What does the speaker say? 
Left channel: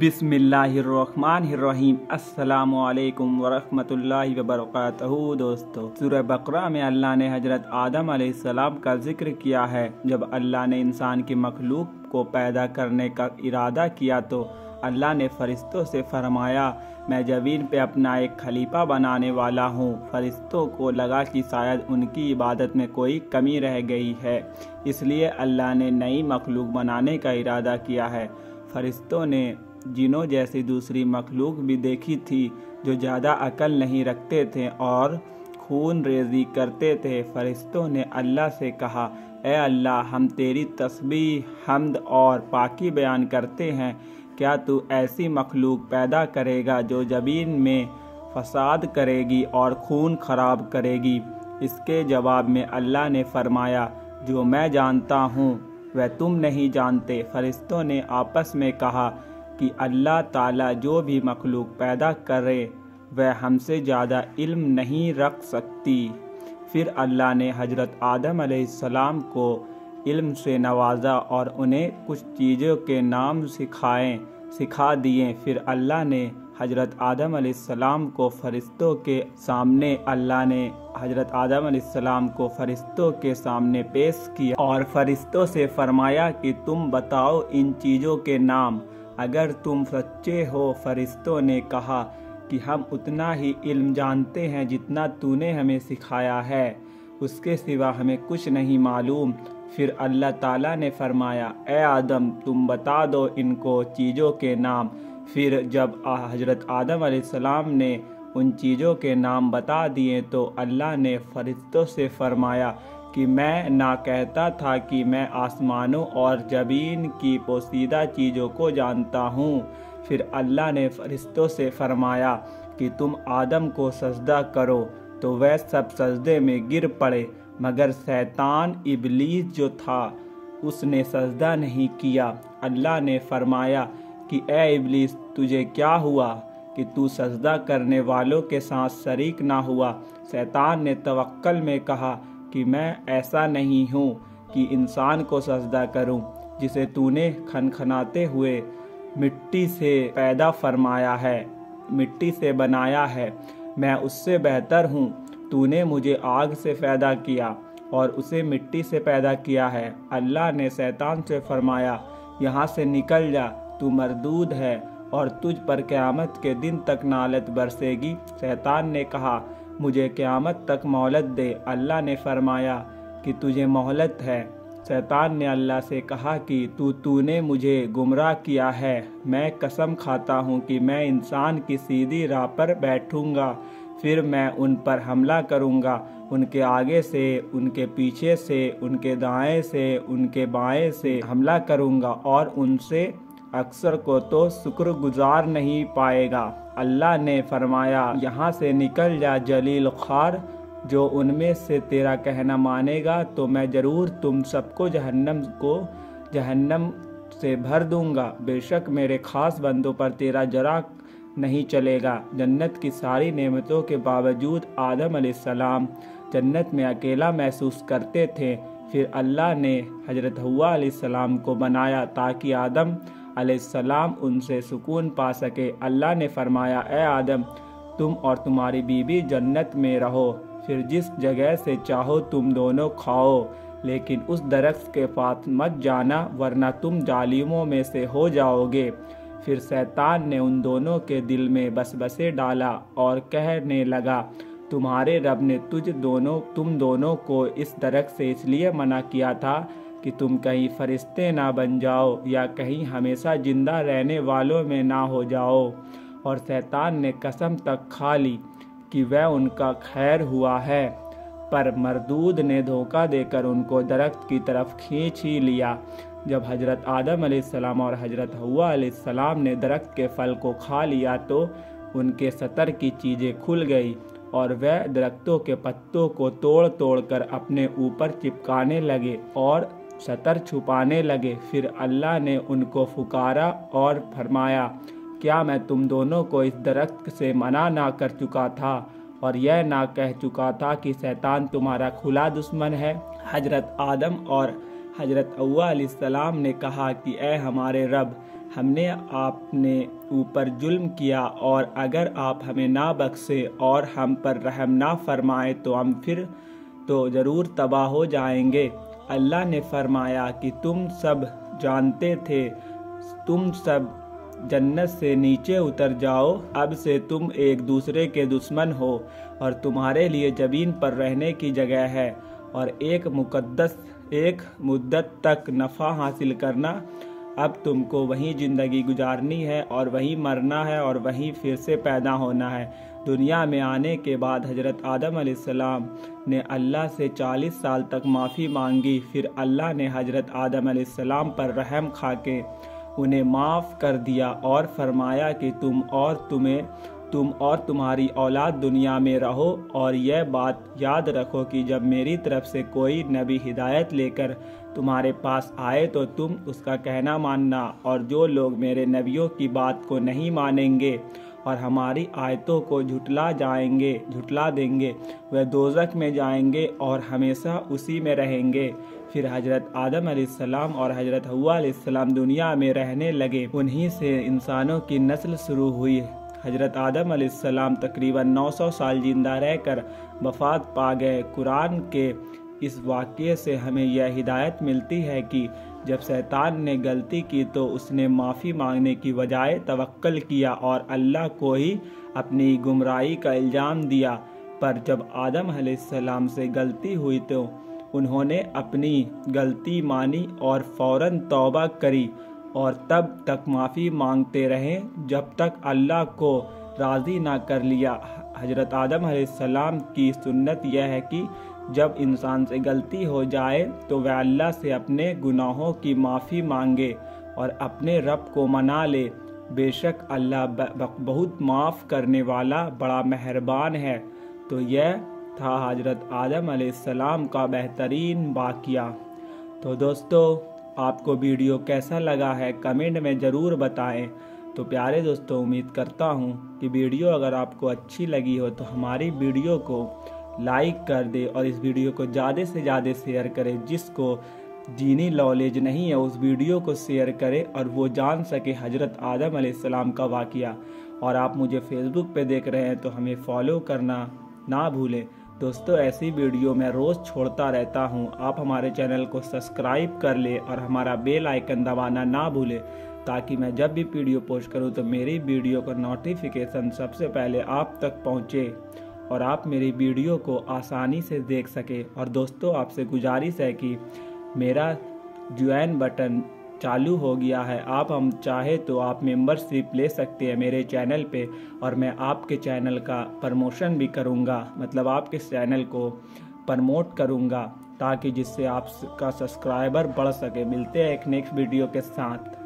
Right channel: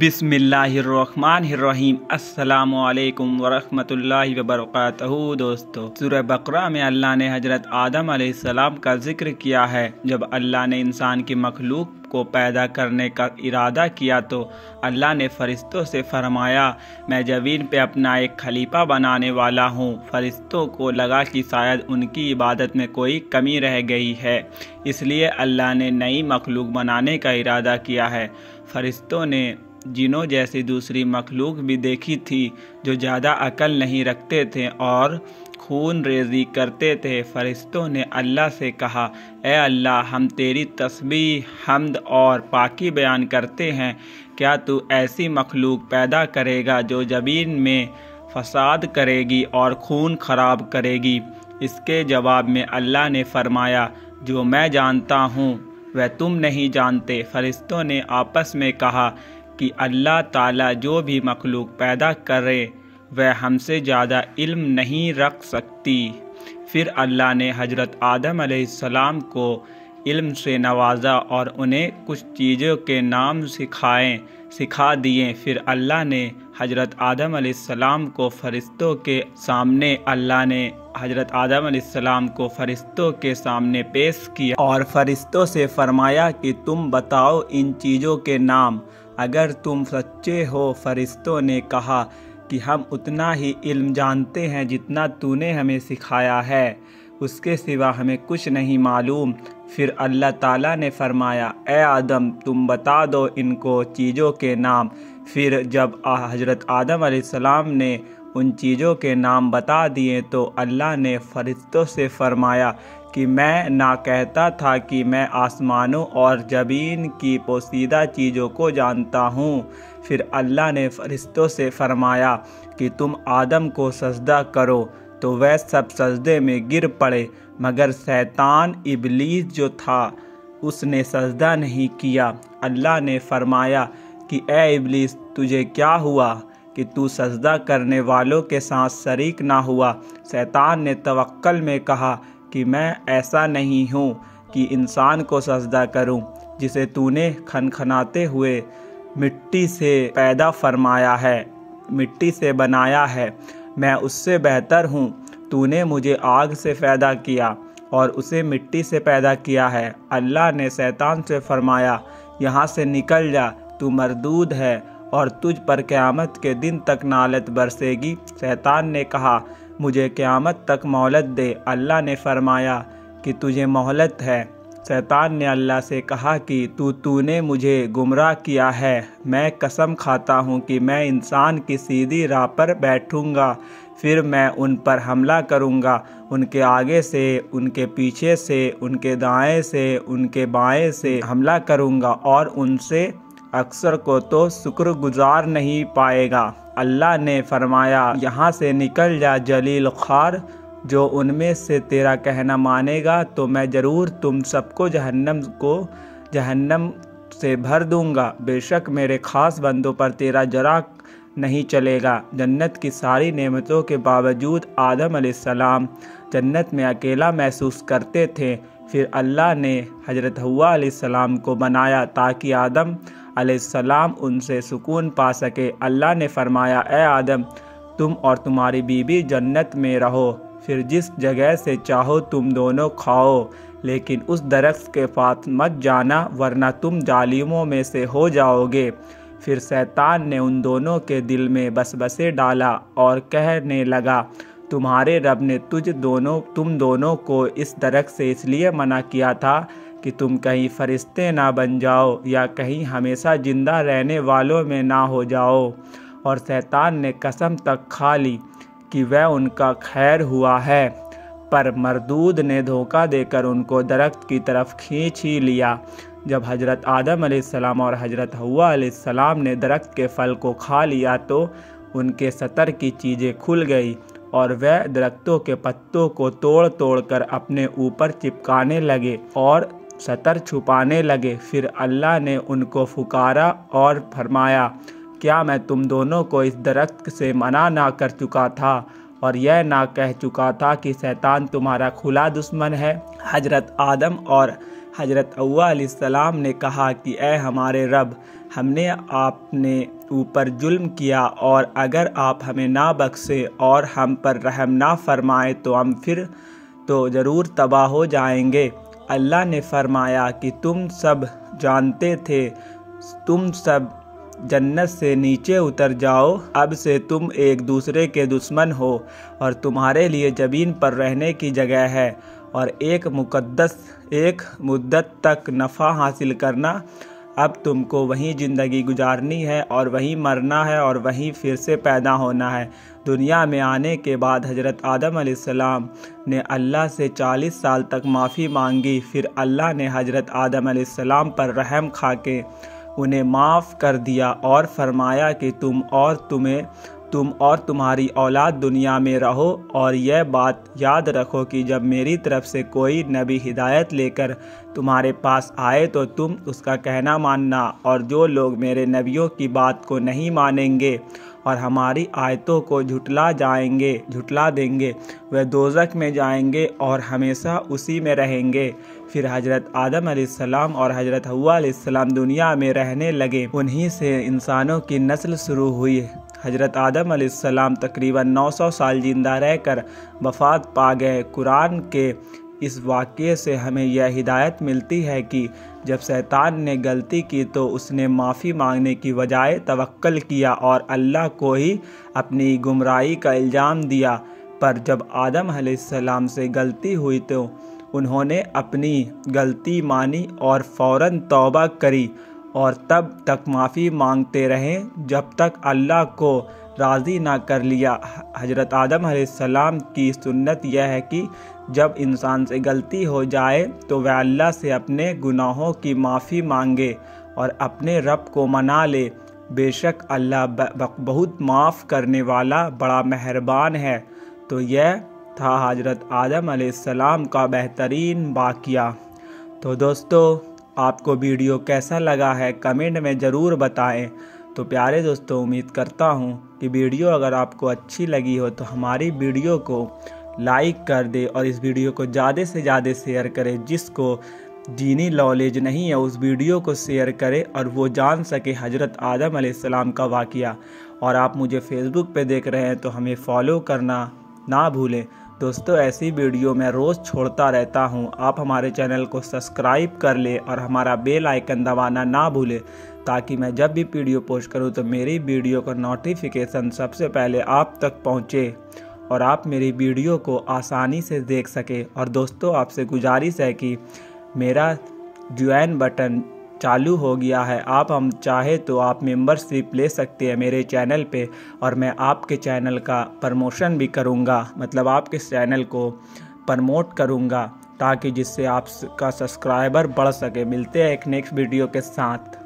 बिस्मिल्लाहिर्रहमानिर्रहीम। अस्सलामु अलैकुम वरहमतुल्लाहि वबरकातुहू। दोस्तों, सूरह बकरा में अल्लाह ने हजरत आदम अलैहिस्सलाम का जिक्र किया है। जब अल्लाह ने इंसान की मखलूक को पैदा करने का इरादा किया तो अल्लाह ने फरिश्तों से फरमाया, मैं ज़मीन पे अपना एक खलीफा बनाने वाला हूँ। फरिश्तों को लगा कि शायद उनकी इबादत में कोई कमी रह गई है, इसलिए अल्लाह ने नई मखलूक बनाने का इरादा किया है। फरिश्तों ने जिनों जैसी दूसरी मखलूक भी देखी थी जो ज़्यादा अकल नहीं रखते थे और खून रेज़ी करते थे। फरिश्तों ने अल्लाह से कहा, ए अल्लाह, हम तेरी तस्बीह, हम्द और पाकी बयान करते हैं। क्या तू ऐसी मखलूक पैदा करेगा जो ज़मीन में फसाद करेगी और खून खराब करेगी? इसके जवाब में अल्लाह ने फरमाया, जो मैं जानता हूँ वह तुम नहीं जानते। फरिश्तों ने आपस में कहा कि अल्लाह ताला जो भी मखलूक पैदा करे वह हमसे ज़्यादा इल्म नहीं रख सकती। फिर अल्लाह ने हजरत आदम अलैहिस्सलाम को इल्म से नवाजा और उन्हें कुछ चीज़ों के नाम सिखा दिए। फिर अल्लाह ने हजरत आदम अलैहिस्सलाम को फरिश्तों के सामने पेश किया और फरिश्तों से फरमाया कि तुम बताओ इन चीज़ों के नाम, अगर तुम सच्चे हो। फरिश्तों ने कहा कि हम उतना ही इल्म जानते हैं जितना तूने हमें सिखाया है, उसके सिवा हमें कुछ नहीं मालूम। फिर अल्लाह ताला ने फरमाया, ए आदम, तुम बता दो इनको चीज़ों के नाम। फिर जब हजरत आदम अलैहिस्सलाम ने उन चीज़ों के नाम बता दिए तो अल्लाह ने फरिश्तों से फरमाया कि मैं ना कहता था कि मैं आसमानों और ज़मीन की पोशीदा चीज़ों को जानता हूँ। फिर अल्लाह ने फरिश्तों से फरमाया कि तुम आदम को सजदा करो, तो वह सब सजदे में गिर पड़े, मगर शैतान इबलीस जो था उसने सजदा नहीं किया। अल्लाह ने फरमाया कि ए इबलीस, तुझे क्या हुआ कि तू सजदा करने वालों के साथ शरीक ना हुआ? शैतान ने तवक्कल में कहा कि मैं ऐसा नहीं हूँ कि इंसान को सजदा करूँ जिसे तूने खनखनाते हुए मिट्टी से बनाया है। मैं उससे बेहतर हूँ। तूने मुझे आग से पैदा किया और उसे मिट्टी से पैदा किया है। अल्लाह ने शैतान से फरमाया, यहाँ से निकल जा, तू मरदूद है और तुझ पर क़यामत के दिन तक नालत बरसेगी। शैतान ने कहा, मुझे क़यामत तक मोहलत दे। अल्लाह ने फरमाया कि तुझे मोहलत है। शैतान ने अल्लाह से कहा कि तूने मुझे गुमराह किया है। मैं कसम खाता हूँ कि मैं इंसान की सीधी राह पर बैठूँगा, फिर मैं उन पर हमला करूँगा, उनके आगे से, उनके पीछे से, उनके दाएं से, उनके बाएं से हमला करूँगा और उनसे अक्सर को तो शुक्रगुजार नहीं पाएगा। अल्लाह ने फरमाया, यहाँ से निकल जा जलील ख़ार, जो उनमें से तेरा कहना मानेगा तो मैं ज़रूर तुम सबको जहन्नम से भर दूंगा। बेशक मेरे ख़ास बंदों पर तेरा जरा नहीं चलेगा। जन्नत की सारी नेमतों के बावजूद आदम अलैहिस्सलाम जन्नत में अकेला महसूस करते थे। फिर अल्लाह ने हजरत हव्वा अलैहिस्सलाम को बनाया ताकि आदम अलैहिस्सलाम उनसे सुकून पा सके। अल्लाह ने फरमाया, ए आदम, तुम और तुम्हारी बीवी जन्नत में रहो, फिर जिस जगह से चाहो तुम दोनों खाओ, लेकिन उस दरख्त के पास मत जाना वरना तुम जालिमों में से हो जाओगे। फिर शैतान ने उन दोनों के दिल में वसवसे डाला और कहने लगा, तुम्हारे रब ने तुम दोनों को इस दरख्त से इसलिए मना किया था कि तुम कहीं फरिश्ते ना बन जाओ या कहीं हमेशा जिंदा रहने वालों में ना हो जाओ। और शैतान ने कसम तक खा ली कि वह उनका खैर हुआ है, पर मरदूद ने धोखा देकर उनको दरख्त की तरफ खींच ही लिया। जब हजरत आदम अलैहिस्सलाम और हजरत हव्वा अलैहिस्सलाम ने दरख्त के फल को खा लिया तो उनके सतर की चीज़ें खुल गई और वह दरख्तों के पत्तों को तोड़ कर अपने ऊपर चिपकाने लगे और सतर छुपाने लगे। फिर अल्लाह ने उनको पुकारा और फरमाया, क्या मैं तुम दोनों को इस दरख्त से मना ना कर चुका था और यह ना कह चुका था कि शैतान तुम्हारा खुला दुश्मन है? हजरत आदम और हजरत हव्वा अलैहिस्सलाम ने कहा कि ए हमारे रब, ہم نے آپ نے اوپر ظلم کیا، اور اگر آپ ہمیں نہ بخشے اور ہم پر رحم نہ فرمائے تو ہم پھر تو ضرور تباہ ہو جائیں گے۔ اللہ نے فرمایا کہ تم سب جانتے تھے، تم سب جنت سے نیچے اتر جاؤ، اب سے تم ایک دوسرے کے دشمن ہو، اور تمہارے لیے زمین پر رہنے کی جگہ ہے، اور ایک مدت تک نفع حاصل کرنا۔ اب تم کو وہیں زندگی گزارنی ہے، اور وہیں مرنا ہے، اور وہیں پھر سے پیدا ہونا ہے۔ دنیا میں آنے کے بعد حضرت آدم علیہ السلام نے اللہ سے 40 سال تک معافی مانگی، پھر اللہ نے حضرت آدم علیہ السلام پر رحم کھا کے انہیں معاف کر دیا اور فرمایا کہ تم اور تمہاری اولاد دنیا میں رہو، اور یہ بات یاد رکھو کہ جب میری طرف سے کوئی نبی ہدایت لے کر تمہارے پاس آئے تو تم اس کا کہنا ماننا، اور جو لوگ میرے نبیوں کی بات کو نہیں مانیں گے اور ہماری آیتوں کو جھٹلا دیں گے، وہ دوزخ میں جائیں گے اور ہمیشہ اسی میں رہیں گے۔ پھر حضرت آدم علیہ السلام اور حضرت حوا علیہ السلام دنیا میں رہنے لگے، انہی سے انسانوں کی نسل شروع ہوئی۔ حضرت آدم علیہ السلام تقریباً 900 سال زندہ رہ کر وفات پا گئے۔ قرآن کے اس واقعے سے ہمیں یہ ہدایت ملتی ہے کہ جب شیطان نے غلطی کی تو اس نے معافی مانگنے کی بجائے توکل کیا اور اللہ کو ہی اپنی گمراہی کا الزام دیا، پر جب آدم علیہ السلام سے غلطی ہوئی تو انہوں نے اپنی غلطی مانی اور فوراً توبہ کری، اور تب تک معافی مانگتے رہے جب تک اللہ کو راضی نہ کر لیا۔ حضرت آدم علیہ السلام کی سنت یہ ہے کہ جب انسان سے غلطی ہو جائے تو وہ اللہ سے اپنے گناہوں کی معافی مانگے اور اپنے رب کو منا لے، بے شک اللہ بہت معاف کرنے والا بڑا مہربان ہے۔ تو یہ تھا حضرت آدم علیہ السلام کا بہترین واقعہ۔ تو دوستو، آپ کو ویڈیو کیسا لگا ہے کمنٹ میں ضرور بتائیں۔ تو پیارے دوستو، امید کرتا ہوں کہ ویڈیو اگر آپ کو اچھی لگی ہو تو ہماری ویڈیو کو لائک کر دے اور اس ویڈیو کو زیادہ سے زیادہ شیئر کرے۔ جس کو دینی نالج نہیں ہے اس ویڈیو کو شیئر کرے اور وہ جان سکے حضرت آدم علیہ السلام کا واقعہ۔ اور آپ مجھے فیس بک پہ دیکھ رہے ہیں تو ہمیں فالو کرنا نہ بھولیں۔ دوستو، ایسی ویڈیو میں روز چھوڑتا رہتا ہوں، آپ ہمارے چینل کو سبسکرائب کر لیں اور ہمارا بیل آئیکن دبانا نہ بھولیں، تاکہ میں جب بھی ویڈیو پوسٹ کروں تو میری ویڈیو کا نوٹیفیکیشن سب سے پہلے آپ تک پہنچے اور آپ میری ویڈیو کو آسانی سے دیکھ سکیں۔ اور دوستو، آپ سے گزارش ہے کہ میرا جوائن بٹن چالو ہو گیا ہے، آپ ہم چاہے تو آپ ممبرشپ لے سکتے ہیں میرے چینل پہ، اور میں آپ کے چینل کا پروموشن بھی کروں گا، مطلب آپ کے چینل کو پروموٹ کروں گا، تاکہ جس سے آپ کا سبسکرائبر بڑھ سکے۔ ملتے ہیں ایک نیکسٹ ویڈیو کے ساتھ۔